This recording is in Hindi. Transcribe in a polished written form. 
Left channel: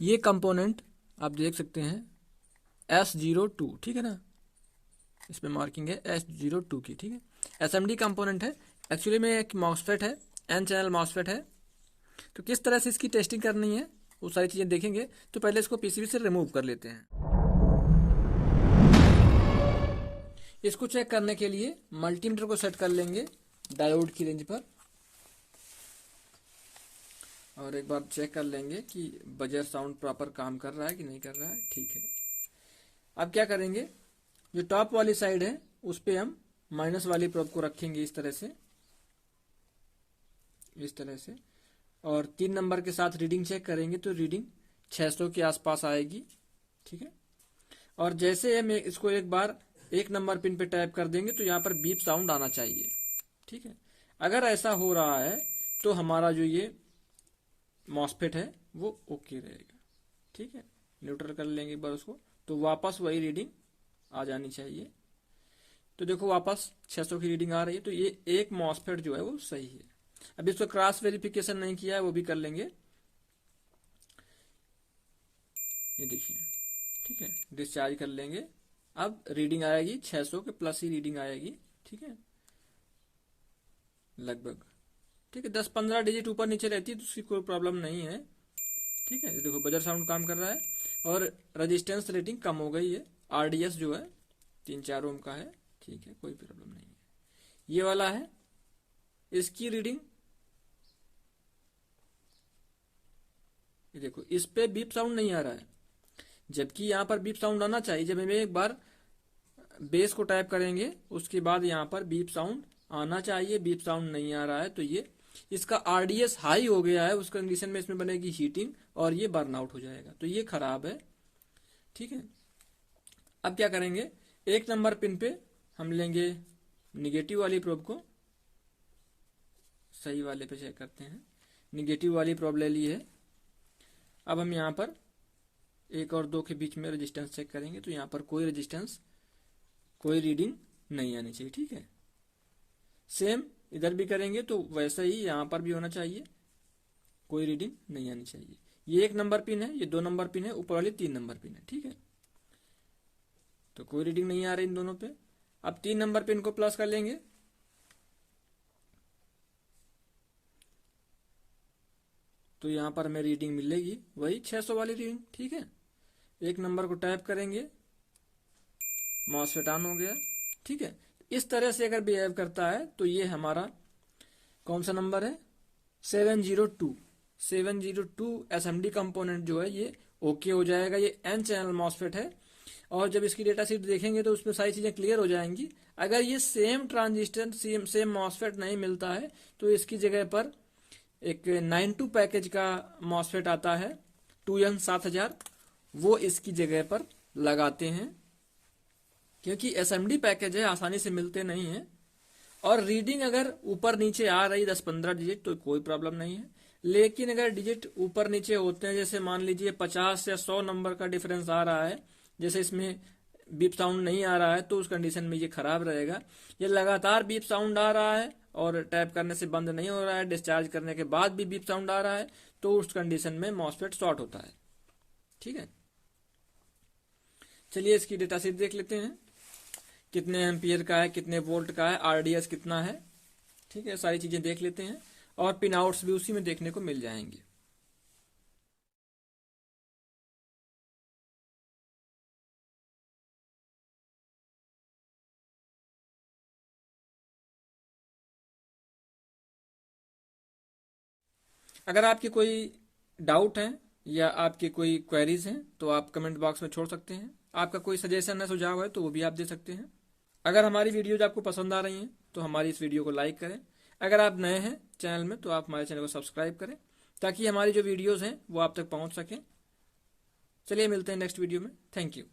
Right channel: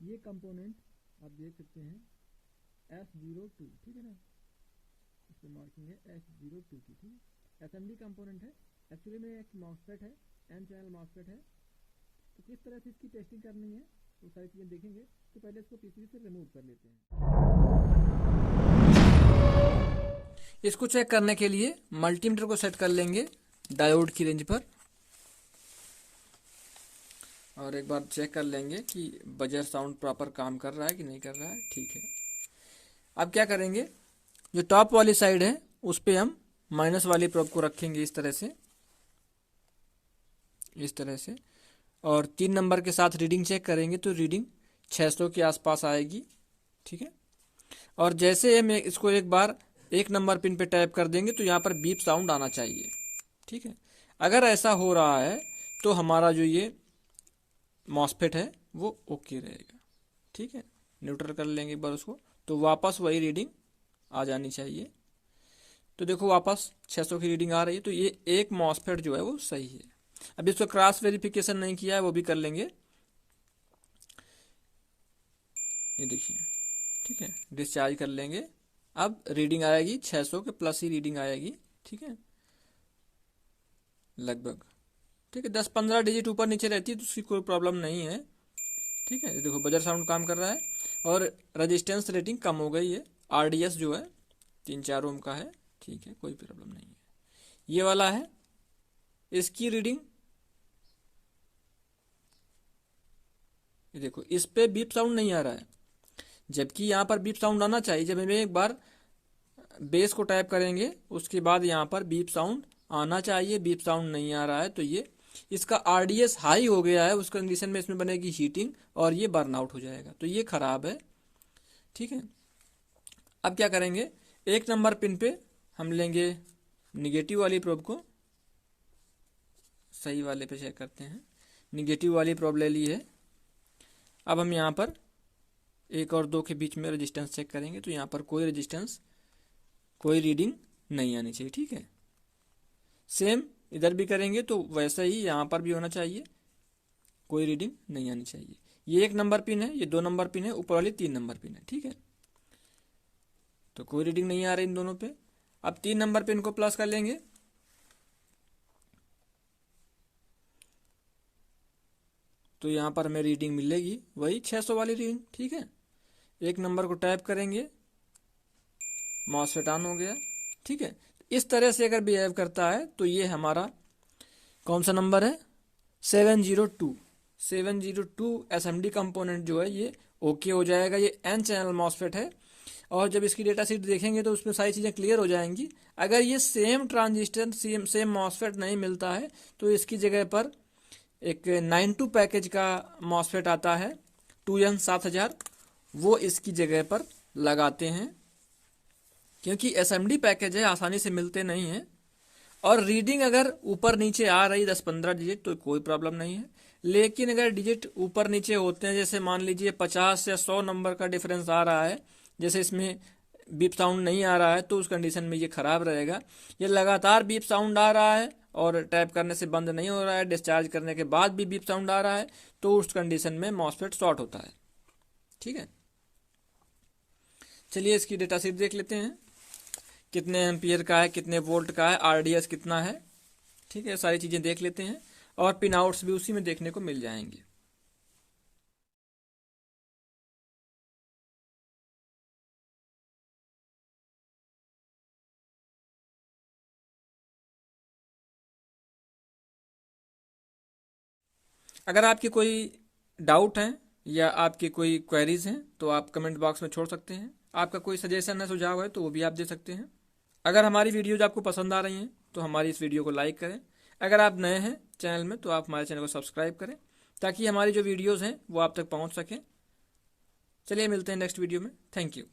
ये कंपोनेंट आप देख सकते हैं S02, ठीक है ना, इसमें मार्किंग है S02 की, ठीक है। SMD कंपोनेंट है, एक्चुअली में एक मॉसफेट है, N चैनल मॉसफेट है। तो किस तरह से इसकी टेस्टिंग करनी है वो सारी चीज़ें देखेंगे। तो पहले इसको पीसीबी से रिमूव कर लेते हैं। इसको चेक करने के लिए मल्टीमीटर को सेट कर लेंगे डायोड की रेंज पर और एक बार चेक कर लेंगे कि बजर साउंड प्रॉपर काम कर रहा है कि नहीं कर रहा है, ठीक है। अब क्या करेंगे, जो टॉप वाली साइड है उस पर हम माइनस वाली प्रोब को रखेंगे इस तरह से, और 3 नंबर के साथ रीडिंग चेक करेंगे तो रीडिंग 600 के आसपास आएगी, ठीक है। और जैसे हम इसको एक बार 1 नंबर पिन पे टैप कर देंगे तो यहाँ पर बीप साउंड आना चाहिए, ठीक है। अगर ऐसा हो रहा है तो हमारा जो ये मॉसफेट है वो ओके रहेगा, ठीक है। न्यूट्रल कर लेंगे एक बार उसको, तो वापस वही रीडिंग आ जानी चाहिए। तो देखो वापस 600 की रीडिंग आ रही है, तो ये एक मॉसफेट जो है वो सही है। अब इसको क्रॉस वेरिफिकेशन नहीं किया है वो भी कर लेंगे, ये देखिए, ठीक है। डिस्चार्ज कर लेंगे, अब रीडिंग आएगी 600 के प्लस ही रीडिंग आएगी, ठीक है, लगभग, ठीक है। 10-15 डिजिट ऊपर नीचे रहती है तो उसकी कोई प्रॉब्लम नहीं है, ठीक है। देखो बजर साउंड काम कर रहा है और रेजिस्टेंस रेटिंग कम हो गई है, RDS जो है 3-4 ओम का है, ठीक है, कोई प्रॉब्लम नहीं है। ये वाला है, इसकी रीडिंग देखो, इस पे बीप साउंड नहीं आ रहा है, जबकि यहाँ पर बीप साउंड आना चाहिए। जब हम एक बार बेस को टाइप करेंगे उसके बाद यहाँ पर बीप साउंड आना चाहिए, बीप साउंड नहीं आ रहा है तो ये इसका RDS हाई हो गया है, उस कंडीशन में इसमें बनेगी हीटिंग और ये बर्न आउट हो जाएगा, तो ये खराब है, ठीक है। अब क्या करेंगे, 1 नंबर पिन पे हम लेंगे निगेटिव वाली प्रोब को, सही वाले पे चेक करते हैं, निगेटिव वाली प्रोब ले ली है। अब हम यहाँ पर 1 और 2 के बीच में रेजिस्टेंस चेक करेंगे तो यहाँ पर कोई रेजिस्टेंस, कोई रीडिंग नहीं आनी चाहिए, ठीक है। सेम इधर भी करेंगे तो वैसा ही यहाँ पर भी होना चाहिए, कोई रीडिंग नहीं आनी चाहिए। ये 1 नंबर पिन है, ये 2 नंबर पिन है, ऊपर वाली 3 नंबर पिन है, ठीक है। तो कोई रीडिंग नहीं आ रही इन दोनों पे। अब 3 नंबर पिन को प्लस कर लेंगे, तो यहाँ पर हमें रीडिंग मिलेगी वही 600 वाली रीडिंग, ठीक है। 1 नंबर को टैप करेंगे, मॉसफेट ऑन हो गया, ठीक है। इस तरह से अगर बिहेव करता है तो ये हमारा कौन सा नंबर है, 702 SMD कंपोनेंट जो है ये ओके हो जाएगा। ये N चैनल मॉसफेट है और जब इसकी डेटा शीट देखेंगे तो उसमें सारी चीज़ें क्लियर हो जाएंगी। अगर ये सेम ट्रांजिस्टर सेम मॉसफेट नहीं मिलता है तो इसकी जगह पर एक 92 पैकेज का मॉसफेट आता है 2N7000, वो इसकी जगह पर लगाते हैं, क्योंकि SMD पैकेज है, आसानी से मिलते नहीं हैं। और रीडिंग अगर ऊपर नीचे आ रही 10-15 डिजिट तो कोई प्रॉब्लम नहीं है, लेकिन अगर डिजिट ऊपर नीचे होते हैं, जैसे मान लीजिए 50 या 100 नंबर का डिफरेंस आ रहा है, जैसे इसमें बीप साउंड नहीं आ रहा है तो उस कंडीशन में ये खराब रहेगा। ये लगातार बीप साउंड आ रहा है और टैप करने से बंद नहीं हो रहा है, डिस्चार्ज करने के बाद भी बीप साउंड आ रहा है, तो उस कंडीशन में मॉसफेट शॉर्ट होता है, ठीक है। चलिए इसकी डेटा शीट देख लेते हैं, कितने एम्पियर का है, कितने वोल्ट का है, RDS कितना है, ठीक है, सारी चीजें देख लेते हैं और पिन आउट्स भी उसी में देखने को मिल जाएंगे। अगर आपकी कोई डाउट है या आपकी कोई क्वेरीज हैं तो आप कमेंट बॉक्स में छोड़ सकते हैं। आपका कोई सजेशन है, सुझाव है तो वो भी आप दे सकते हैं। अगर हमारी वीडियोज आपको पसंद आ रही हैं तो हमारी इस वीडियो को लाइक करें। अगर आप नए हैं चैनल में तो आप हमारे चैनल को सब्सक्राइब करें ताकि हमारी जो वीडियोज़ हैं वो आप तक पहुंच सकें। चलिए मिलते हैं नेक्स्ट वीडियो में। Thank you.